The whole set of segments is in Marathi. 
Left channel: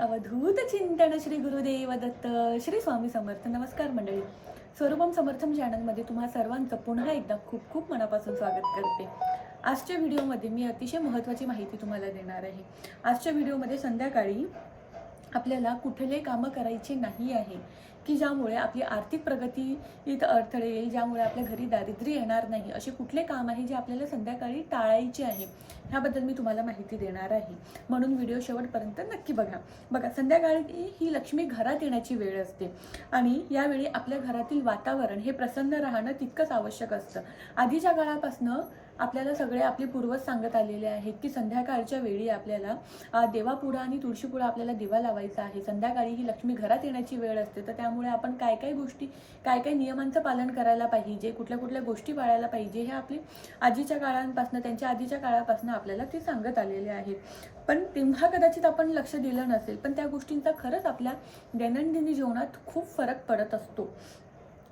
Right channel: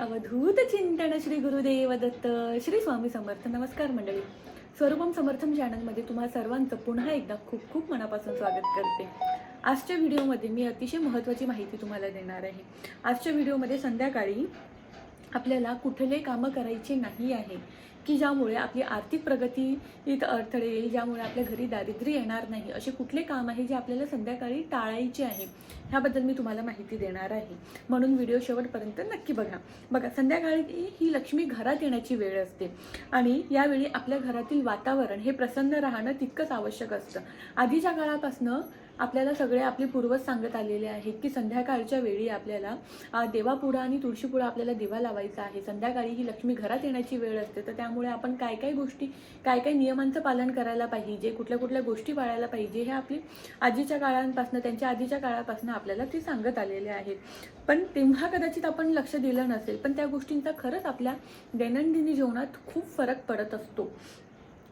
अवधूत चिंतन श्री गुरुदेव दत्त श्री स्वामी समर्थ. नमस्कार मंडळी, स्वरूपम समर्थम चॅनलमध्ये तुम्हा सर्वांचं पुन्हा एकदा खूप खूप मनापासून स्वागत करते. आजच्या व्हिडिओमध्ये मी अतिशय महत्त्वाची माहिती तुम्हाला देणार आहे. आजच्या व्हिडिओमध्ये संध्याकाळी आपल्याला कुठले कामं करायचे नाही आहे की ज्यामुळे आपली आर्थिक प्रगतीत अडथळे येईल, ज्यामुळे आपल्या घरी दारिद्र्य येणार नाही, असे कुठले काम आहे जे आपल्याला संध्याकाळी टाळायचे आहे ह्याबद्दल मी तुम्हाला माहिती देणार आहे. म्हणून व्हिडिओ शेवटपर्यंत नक्की बघा. संध्याकाळी ही लक्ष्मी घरात येण्याची वेळ असते आणि यावेळी आपल्या घरातील वातावरण हे प्रसन्न राहणं तितकंच आवश्यक असतं. आधीच्या काळापासून आपल्याला सगळे आपले पूर्वज सांगत आलेले आहेत की संध्याकाळच्या वेळी आपल्याला देवापुढं आणि तुळशीपुढं आपल्याला दिवा लावायचा आहे. संध्याकाळी ही लक्ष्मी घरात येण्याची वेळ असते, तर त्यामुळे आपण काय गोष्टी, काय नियमांचं पालन करायला पाहिजे, कुठल्या गोष्टी पाळायला पाहिजे, हे आपली आजीच्या काळांपासून, त्यांच्या आधीच्या काळापासून आपल्याला ते सांगत आलेले आहेत. पण तेव्हा कदाचित आपण लक्ष दिलं नसेल, पण त्या गोष्टींचा खरंच आपल्या दैनंदिन जीवनात खूप फरक पडत असतो.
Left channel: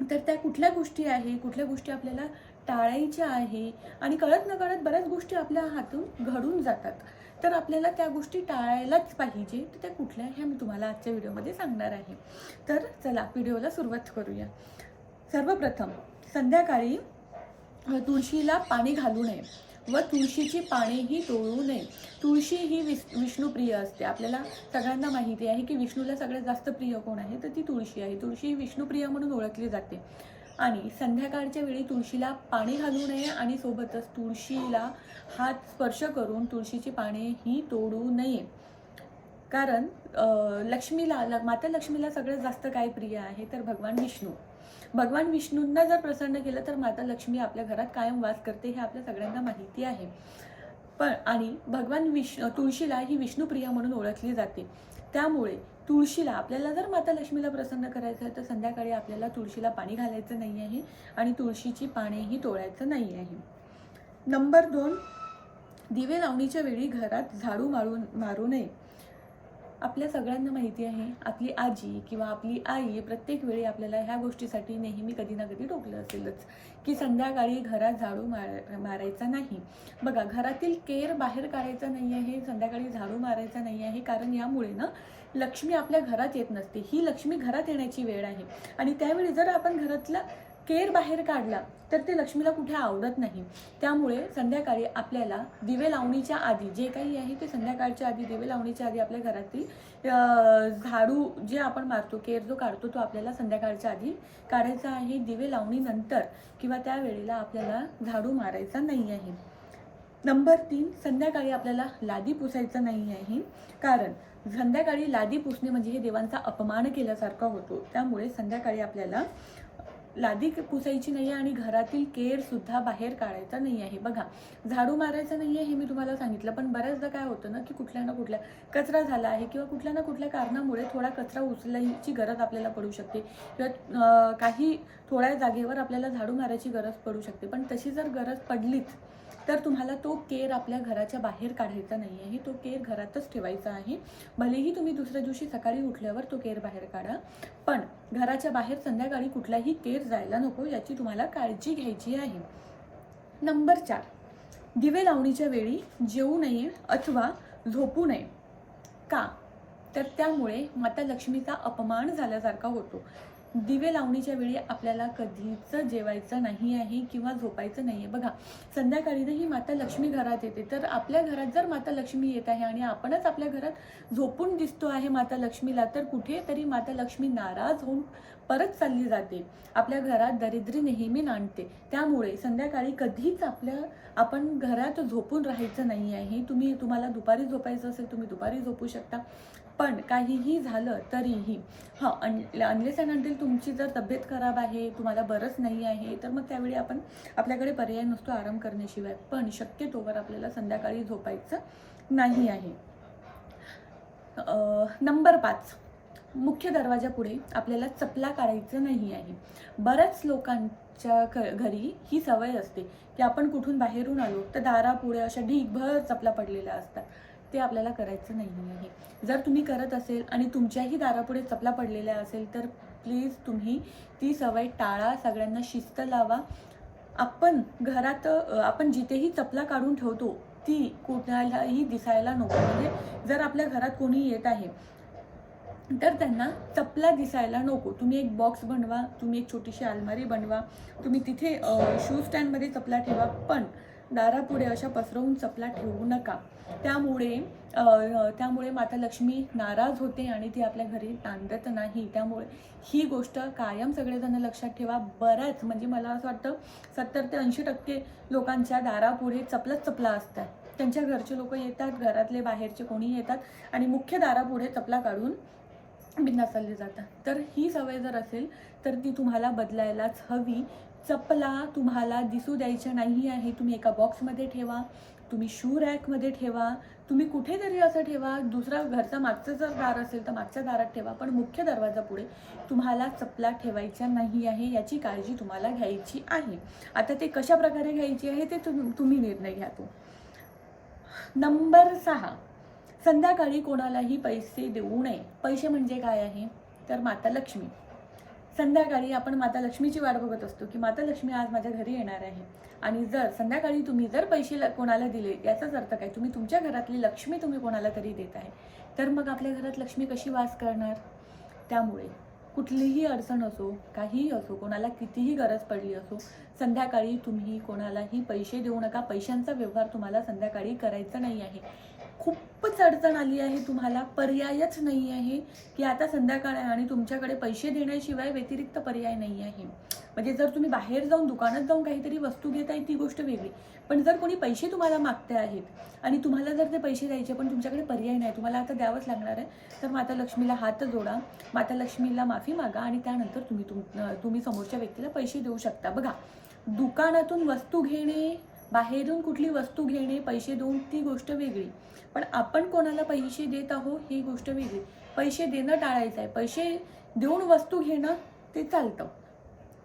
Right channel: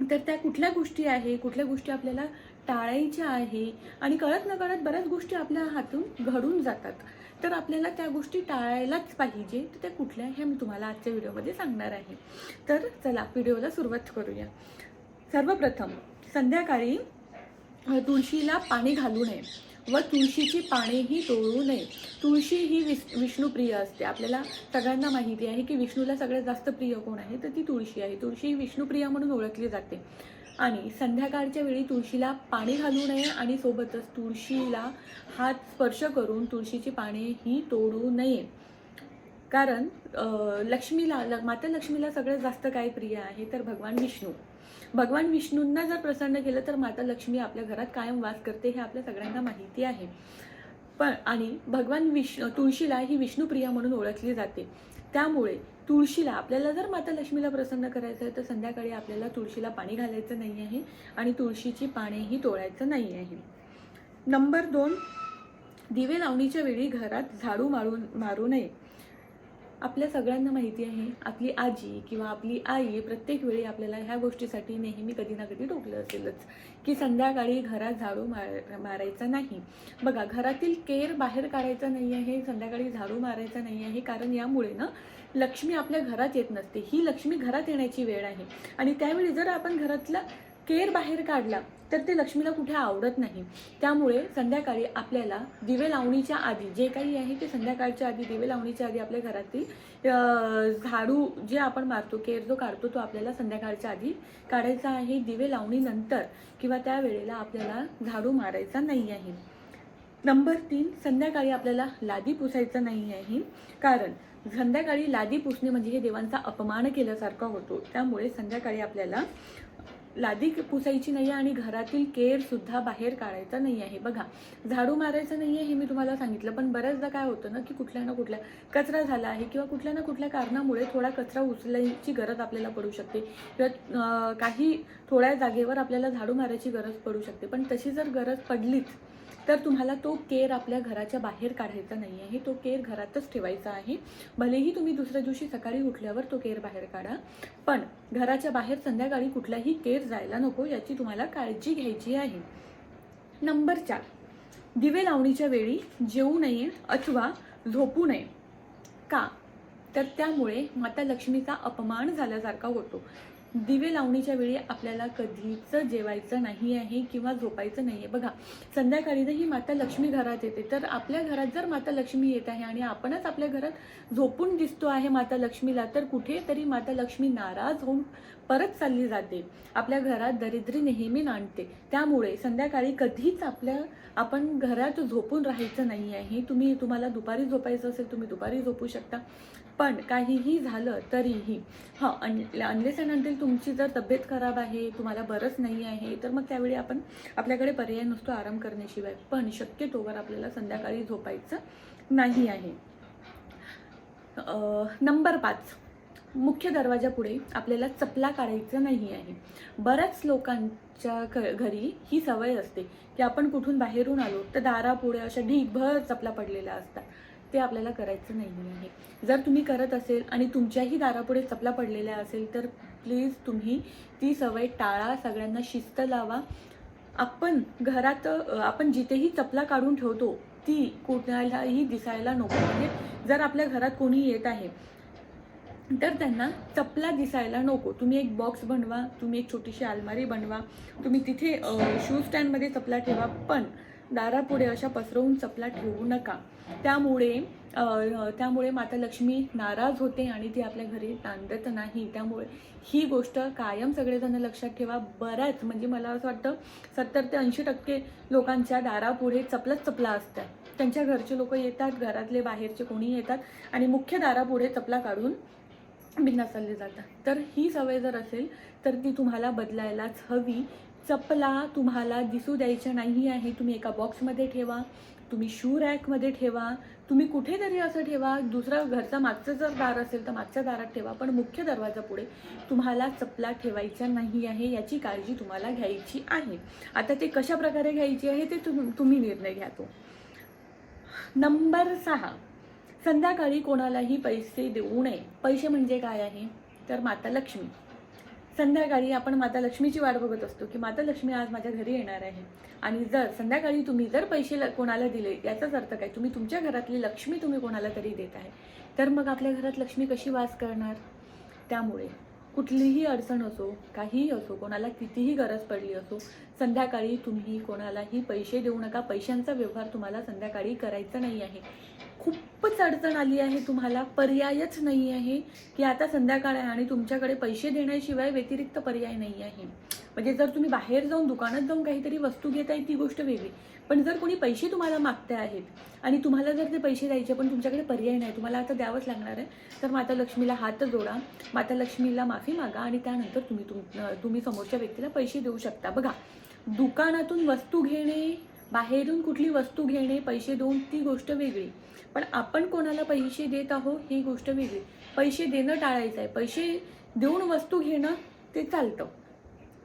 तर त्या कुठल्या गोष्टी आहे, कुठल्या गोष्टी आपल्याला टाळायच्या आहे आणि कळत नकळत बऱ्याच गोष्टी आपल्या हातून घडून जातात, तर आपल्याला त्या गोष्टी टाळायलाच पाहिजे. तर त्या कुठल्या ह्या मी तुम्हाला आजच्या व्हिडिओमध्ये सांगणार आहे. तर चला व्हिडिओला सुरुवात करूया. सर्वप्रथम संध्याकाळी तुळशीला पाणी घालू नये व तुळशीची पानेही तोडू नये. तुळशी ही विष्णुप्रिय असते. आपल्याला सगळ्यांना माहिती आहे की विष्णूला सगळ्यात जास्त प्रिय कोण आहे, तर ती तुळशी आहे. तुळशी ही विष्णुप्रिय म्हणून ओळखली जाते आणि संध्याकाळच्या वेळी तुळशीला पाणी घालू नये आणि सोबतच तुळशीला हात स्पर्श करून तुळशीची पाने ही तोडू नये. कारण माता लक्ष्मीला सगळ्यात जास्त काय प्रिय आहे, तर भगवान विष्णूंना जर प्रसन्न केलं तर माता लक्ष्मी आपल्या घरात कायम वास करते, हे आपल्या सगळ्यांना माहिती आहे. पण आणि तुळशीला ही विष्णुप्रिय म्हणून ओळखली जाते. त्यामुळे तुळशीला आपल्याला जर माता लक्ष्मीला प्रसन्न करायचं आहे तर संध्याकाळी आपल्याला तुळशीला पाणी घालायचं नाही आहे आणि तुळशीची पानेही तोडायचं नाही आहे. नंबर 2, दिवे लावणीच्या वेळी घरात झाडू मारू नये. आपल्या सगळ्यांना माहिती आहे, आपली आजी किंवा आपली आई प्रत्येक वेळी आपल्याला ह्या गोष्टीसाठी नेहमी कधी ना कधी टोकलं असेलच की संध्याकाळी घरात झाडू मारायचा नाही. बघा, घरातील केर बाहेर काढायचा नाही आहे, संध्याकाळी झाडू मारायचा नाही आहे. कारण यामुळे ना लक्ष्मी आपल्या घरात येत नसते. ही लक्ष्मी घरात येण्याची वेळ आहे आणि त्यावेळी जर आपण घरातला केर बाहेर काढला तर ते लक्ष्मीला कुठे आवडत नाही. त्यामुळे संध्याकाळी आपल्याला दिवे लावणीच्या आधी जे काही आहे ते संध्याकाळच्या आधी, दिवे लावणीच्या आधी आपल्या घरातील झाडू जे आपण मारतो, केर जो काढतो, तो आपल्याला संध्याकाळच्या आधी काढायचा आहे. दिवे लावणीनंतर किंवा त्या वेळेला आपल्याला झाडू मारायचा नाही आहे. नंबर 3, संध्याकाळी आपल्याला लादी पुसायचं नाही आहे. कारण संध्याकाळी लादी पुसणे म्हणजे हे देवांचा अपमान केल्यासारखा होतो. त्यामुळे संध्याकाळी आपल्याला लादी पुसायची नाही आणि घरातील केर सुद्धा बाहेर काढायचा नाही आहे. बघा, झाडू मारायचा नाही आहे हे मी तुम्हाला सांगितलं, पण बऱ्याचदा काय होतं ना की कुठल्या ना कुठल्या कचरा झाला आहे किंवा कुठल्या ना कुठल्या कारणामुळे थोडा कचरा उचलायची गरज आपल्याला पडू शकते किंवा काही थोड्या जागेवर आपल्याला झाडू मारायची गरज पडू शकते. पण तशी जर गरज पडलीच तर तुम्हाला तो केर आपल्या घराच्या बाहेर काढायचा नाही आहे, तो केर घरातच ठेवायचा आहे. भलेही तुम्ही दुसऱ्या दिवशी सकाळी उठल्यावर तो केर बाहेर काढा, पण घराच्या बाहेर संध्याकाळी कुठलाही केर जायला नको, याची तुम्हाला काळजी घ्यायची आहे. नंबर 4, दिवे लावणीच्या वेळी जेवू नये अथवा झोपू नये. का? तर त्यामुळे माता लक्ष्मीचा अपमान झाल्यासारखा होतो. दिवे लावणीच्या वेळी आपल्याला कधीच जेवायचं नाही आहे किंवा झोपायचं नाही आहे. बघा, संध्याकाळी ही माता लक्ष्मी घरात येते, तर आपल्या घरात जर माता लक्ष्मी येत आहे आणि आपणच आपल्या घरात झोपून दिसतो आहे माता लक्ष्मीला, तर कुठेतरी माता लक्ष्मी नाराज होऊन परत चालली जाते. आपल्या घरात दरिद्री नेहमी नांदते. त्यामुळे संध्याकाळी कधीच आपण घरात झोपून राहायचं नाही आहे. तुम्हाला दुपारी झोपायचं असेल तुम्ही दुपारी झोपू शकता, पण काहीही झालं तरीही अनलेस अँड अंटिल तुमची जर तब्येत खराब आहे, तुम्हाला बरंच नाही आहे, तर मग त्यावेळी आपल्याकडे पर्याय नसतो आराम करण्याशिवाय. पण शक्यतोवर आपल्याला संध्याकाळी झोपायचं नाही आहे. नंबर 5, मुख्य दरवाजापुढे आपल्याला चपला काढायचं नाही आहे. बऱ्याच लोकांच्या घरी ही सवय असते की आपण कुठून बाहेरून आलो तर दारापुढे अशा ढीगभर चपला पडलेल्या असतात. ते आपल्याला करायचं नाही आहे. जर तुम्ही करत असेल आणि तुमच्याही दारापुढे चपला पडलेल्या असेल तर प्लीज तुम्ही ती सवय टाळा. सगळ्यांना शिस्त लावा. आपण जिथेही चपला काढून ठेवतो ती कोणालाही दिसायला नको. म्हणजे जर आपल्या घरात कोणी येत आहे तर त्यांना चपला दिसायला नको. तुम्ही एक बॉक्स बनवा, तुम्ही एक छोटीशी अलमारी बनवा, तुम्ही तिथे शू स्टँडमध्ये चपला ठेवा, पण दारापुढे अशा पसरवून चपला ठेवू नका. त्यामुळे माता लक्ष्मी नाराज होते आणि ती आपल्या घरी नांदत नाही. त्यामुळे ही गोष्ट कायम सगळेजण लक्षात ठेवा. बऱ्याच म्हणजे मला असं वाटतं 70 ते 80% लोकांच्या दारापुढे चपलाच चपला असतात. त्यांच्या घरचे लोक येतात, घरातले बाहेरचे कोणी येतात आणि मुख्य दारापुढे चपला काढून बिघ्नात चालले जातात. तर ही सवय जर असेल तर ती तुम्हाला बदलायलाच हवी. चपला तुम्हाला दिसू द्यायच्या नाही आहे. तुम्ही एका बॉक्समध्ये ठेवा, तुम्ही शू रॅकमध्ये ठेवा, तुम्ही कुठेतरी असं ठेवा. दुसरा घरचा मागचं जर दार असेल तर मागच्या दारात ठेवा, पण मुख्य दरवाजापुढे तुम्हाला चपला ठेवायच्या नाही आहे. याची काळजी तुम्हाला घ्यायची आहे. आता ते कशा प्रकारे घ्यायची आहे ते तुम्ही निर्णय घ्या. तो नंबर 6, संध्याकाळी कोणालाही पैसे देऊ नये. पैसे म्हणजे काय आहे तर माता लक्ष्मी. संध्याकाळी आपण माता लक्ष्मीची वाट बघत असतो की माता लक्ष्मी आज माझ्या घरी येणार आहे. आणि जर संध्याकाळी तुम्ही जर पैसे कोणाला दिले, याचाच अर्थ काय, तुम्ही तुमच्या घरातली लक्ष्मी तुम्ही कोणाला तरी देत आहे. तर मग आपल्या घरात लक्ष्मी कशी वास करणार? त्यामुळे कुठलीही अडचण असो, काहीही असो, कोणाला कितीही गरज पडली असो, संध्याकाळी तुम्ही कोणालाही पैसे देऊ नका. पैशांचा व्यवहार तुम्हाला संध्याकाळी करायचा नाही आहे. खूपच अडचण आली आहे, तुम्हाला पर्यायच नाही आहे की आता संध्याकाळ आहे आणि तुमच्याकडे पैसे देण्याशिवाय व्यतिरिक्त पर्याय नाही आहे. म्हणजे जर तुम्ही बाहेर जाऊन दुकानात जाऊन काहीतरी वस्तू घेताय ती गोष्ट वेगळी, पण जर कोणी पैसे तुम्हाला मागते आहेत आणि तुम्हाला जर ते पैसे द्यायचे पण तुमच्याकडे पर्याय नाही, तुम्हाला आता द्यावंच लागणार आहे, तर माता लक्ष्मीला हात जोडा, माता लक्ष्मीला माफी मागा आणि त्यानंतर तुम्ही समोरच्या व्यक्तीला पैसे देऊ शकता. बघा, दुकानातून वस्तू घेणे, बाहेरून कुठली वस्तू घेणे, पैसे देऊन ती गोष्ट वेगळी, पण आपण कोणाला पैसे देत आहोत ही गोष्ट वेगळी. पैसे देणं टाळायचं आहे, पैसे देऊन वस्तू घेणं ते चालतं.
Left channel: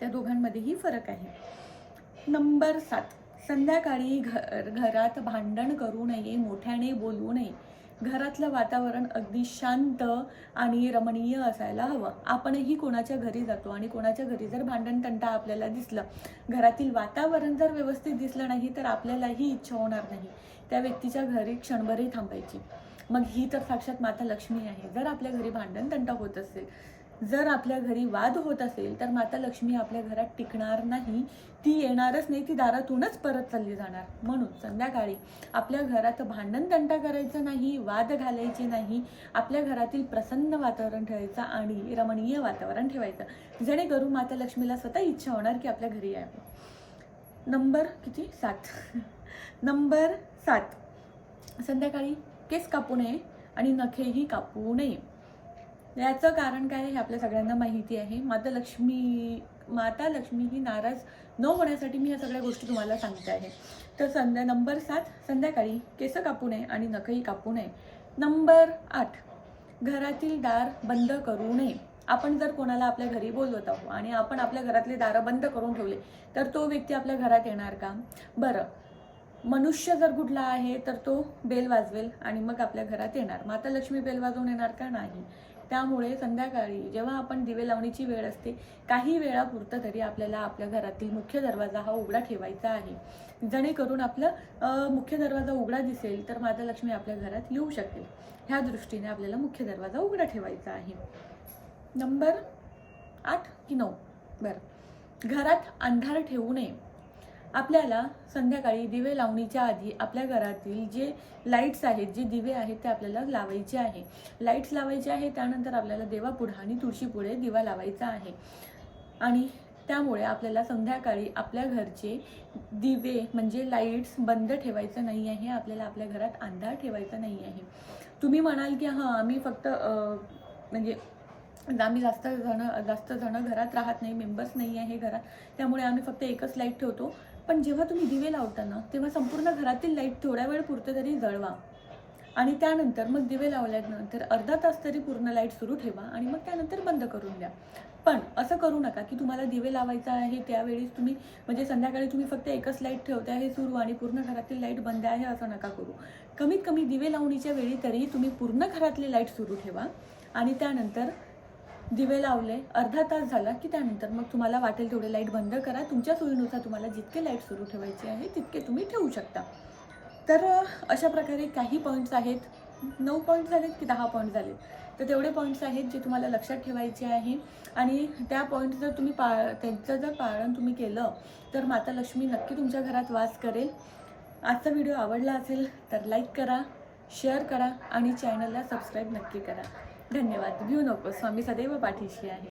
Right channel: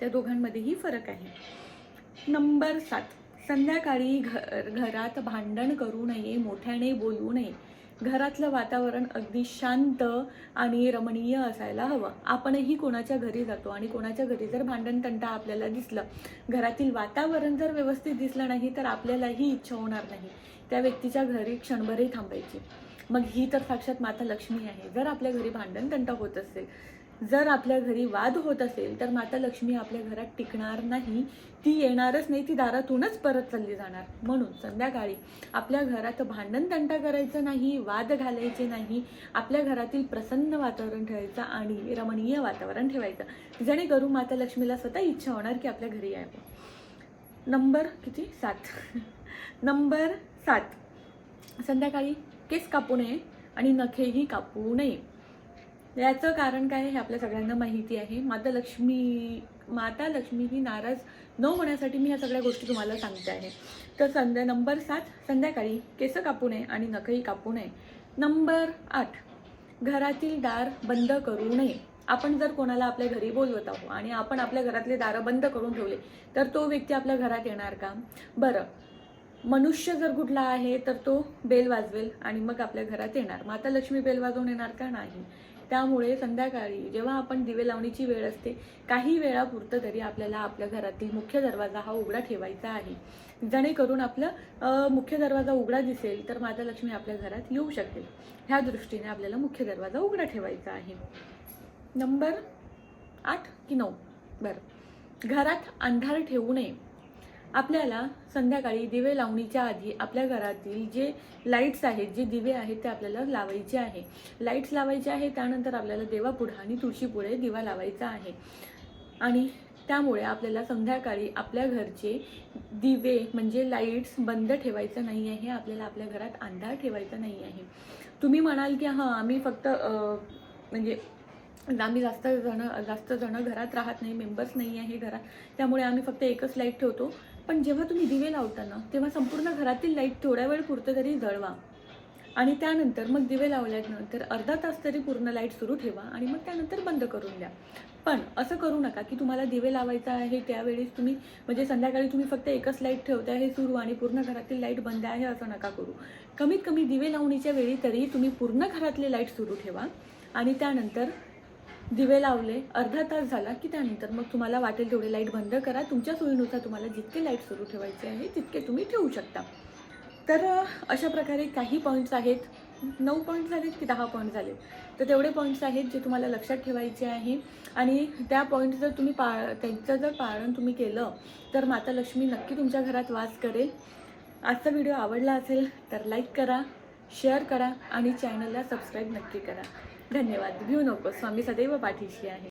त्या दोघांमध्येही फरक आहे. नंबर 7, संध्याकाळी घरात भांडण करू नये, मोठ्याने बोलू नये. घरातलं वातावरण अगदी शांत आणि रमणीय असायला हवं. आपणही कोणाच्या घरी जातो आणि कोणाच्या घरी जर भांडण तंटा आपल्याला दिसलं, घरातील वातावरण जर व्यवस्थित दिसलं नाही तर आपल्यालाही इच्छा होणार नाही त्या व्यक्तीच्या घरी क्षणभरही थांबायची. मग ही तर साक्षात माता लक्ष्मी आहे. जर आपल्या घरी भांडण तंटा होत असेल, जर आपल्या घरी वाद होत असेल, तर माता लक्ष्मी आपल्या घरात टिकणार नाही. ती येणारच नाही, ती दारातूनच परत चालली जाणार. म्हणून संध्याकाळी आपल्या घरात भांडण तंटा करायचं नाही, वाद घालायचे नाही. आपल्या घरातील प्रसन्न वातावरण ठेवायचं आणि रमणीय वातावरण ठेवायचं, जेणेकरून माता लक्ष्मीला स्वतः इच्छा होणार की आपल्या घरी यावं. नंबर 7 नंबर 7, संध्याकाळी केस कापू नये आणि नखेही कापू नये. याचं कारण काय हे आपल्या सगळ्यांना माहिती आहे. माता लक्ष्मी ही नाराज न होण्यासाठी मी ह्या सगळ्या गोष्टी तुम्हाला सांगते आहे. तर नंबर 7, संध्याकाळी केस कापू नये आणि नखही कापू नये. नंबर 8, घरातील दार बंद करू नये. आपण जर कोणाला आपल्या घरी बोलवत आहोत आणि आपण आपल्या घरातले दारं बंद करून ठेवले तर तो व्यक्ती आपल्या घरात येणार का? बरं, मनुष्य जर कुठला आहे तर तो बेल वाजवेल आणि मग आपल्या घरात येणार. माता लक्ष्मी बेल वाजवून येणार का? नाही. त्यामुळे संध्याकाळी जेव्हा आपण दिवे लावणीची वेळ असते, काही वेळापुरतं तरी आपल्याला आपल्या घरातील मुख्य दरवाजा हा उघडा ठेवायचा आहे, जेणेकरून आपला मुख्य दरवाजा उघडा दिसेल तर माता लक्ष्मी आपल्या घरात येऊ शकेल. ह्या दृष्टीने आपल्याला मुख्य दरवाजा उघडा ठेवायचा आहे. नंबर 8 की 9? बरं, घरात अंधार ठेवू नये. आपल्याला संध्याकाळी दिवे लावणीच्या आधी आपल्या घरातील जे लाईट्स आहेत, जे दिवे आहेत ते आपल्याला लावायचे आहे. लाईट्स लावायचे आहे, त्यानंतर आपल्याला देवापुढे आणि तुळशीपुढे दिवा लावायचा आहे. आणि त्यामुळे आपल्याला संध्याकाळी आपल्या घरचे दिवे म्हणजे लाईट्स बंद ठेवायचं नाही आहे. आपल्याला आपल्या घरात अंधार ठेवायचा नाही आहे. तुम्ही म्हणाल की हां, आम्ही फक्त म्हणजे आम्ही जास्त जण घरात राहत नाही, मेंबर्स नाही आहे घरात, त्यामुळे आम्ही फक्त एकच लाईट ठेवतो. पण जेव्हा तुम्ही दिवे लावताना तेव्हा संपूर्ण घरातील लाईट थोड्या वेळ पुरतं तरी जळवा आणि त्यानंतर मग दिवे लावल्यानंतर अर्धा तास तरी पूर्ण लाईट सुरू ठेवा आणि मग त्यानंतर बंद करून द्या. पण असं करू नका की तुम्हाला दिवे लावायचं आहे त्यावेळेस तुम्ही म्हणजे संध्याकाळी तुम्ही फक्त एकच लाईट ठेवता आहे सुरू आणि पूर्ण घरातील लाईट बंद आहे, असं नका करू. कमीत कमी दिवे लावणीच्या वेळी तरी तुम्ही पूर्ण घरातले लाईट सुरू ठेवा आणि त्यानंतर दिवे लावले, अर्धा तास झाला की त्यानंतर मग तुम्हाला वाटेल तेवढे लाईट बंद करा. तुमच्या सोयीनुसार तुम्हाला जितके लाईट सुरू ठेवायचे आहे तितके तुम्ही ठेवू शकता. तर अशा प्रकारे काही पॉईंट्स आहेत 9 पॉईंट झालेत की 10 पॉईंट झाले, तर तेवढे पॉईंट्स आहेत जे तुम्हाला लक्षात ठेवायचे आहे. आणि त्या पॉईंट जर तुम्ही त्यांचं जर पालन तुम्ही केलं तर माता लक्ष्मी नक्की तुमच्या घरात वास करेल. आजचा व्हिडिओ आवडला असेल तर लाईक करा, शेअर करा आणि चॅनलला सबस्क्राईब नक्की करा. धन्यवाद. भिऊ नको, स्वामी सदैव पाठीशी आहे.